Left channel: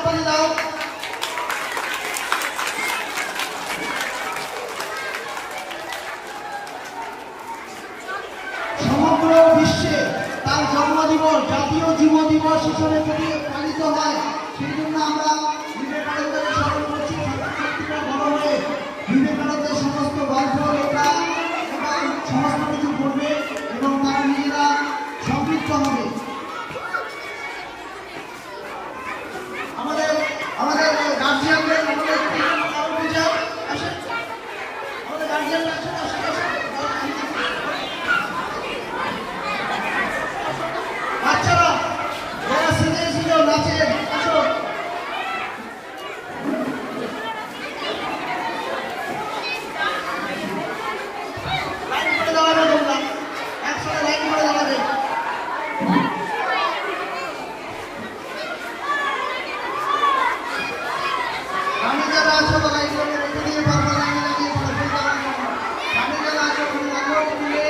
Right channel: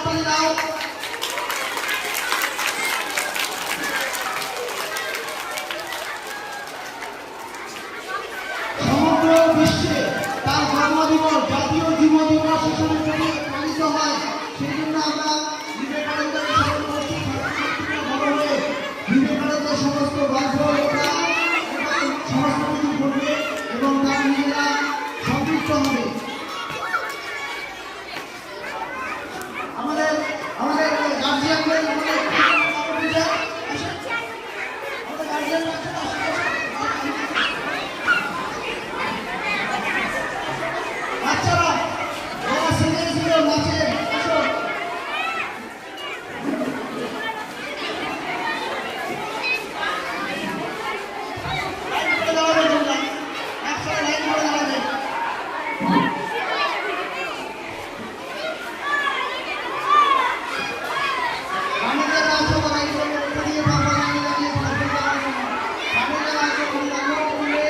হাততালি দাও। সমগ্র বিশ্বে তার জন্মদিবস জাতীয় যুব দিবস হিসেবে যদি পালিত হয়, সেই জন্য আমরা বিবেকানন্দকে স্মরণ করছি। ছাত্রছাত্রীরা বড় হয়ে বিবেকানন্দের সমস্ত গল্প, লেখা এবং সমস্ত কিছু পড়বে এবং তারা নিজেরা সম্পৃক্ত হবে। আমাদের আমাদের গার্জিয়ানদের আমাদের গার্জিয়ানরা বাচ্চারা যারা শিখেছিল নাচের আসো, লাইন করে দাঁড়াবে, তোমরা একসাথে লাইন করে দাঁড়াবে। আমি যারা আছো লাইন করে রেখে দিয়ে পারবো, লাইনে দাঁড়িয়ে ফোন দেওয়ার জন্য। আমি যারা আছো ফোন রাখো খুলে।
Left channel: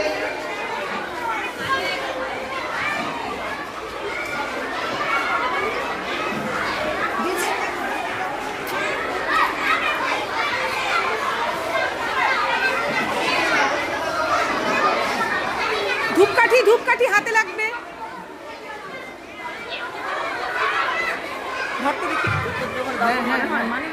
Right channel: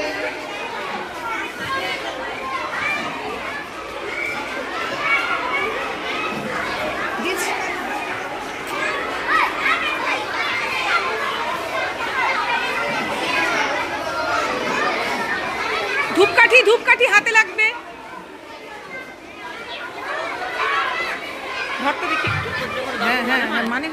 ধূপকাঠি হাতে লাগবে। ঘরটা দেখি। হ্যাঁ মানে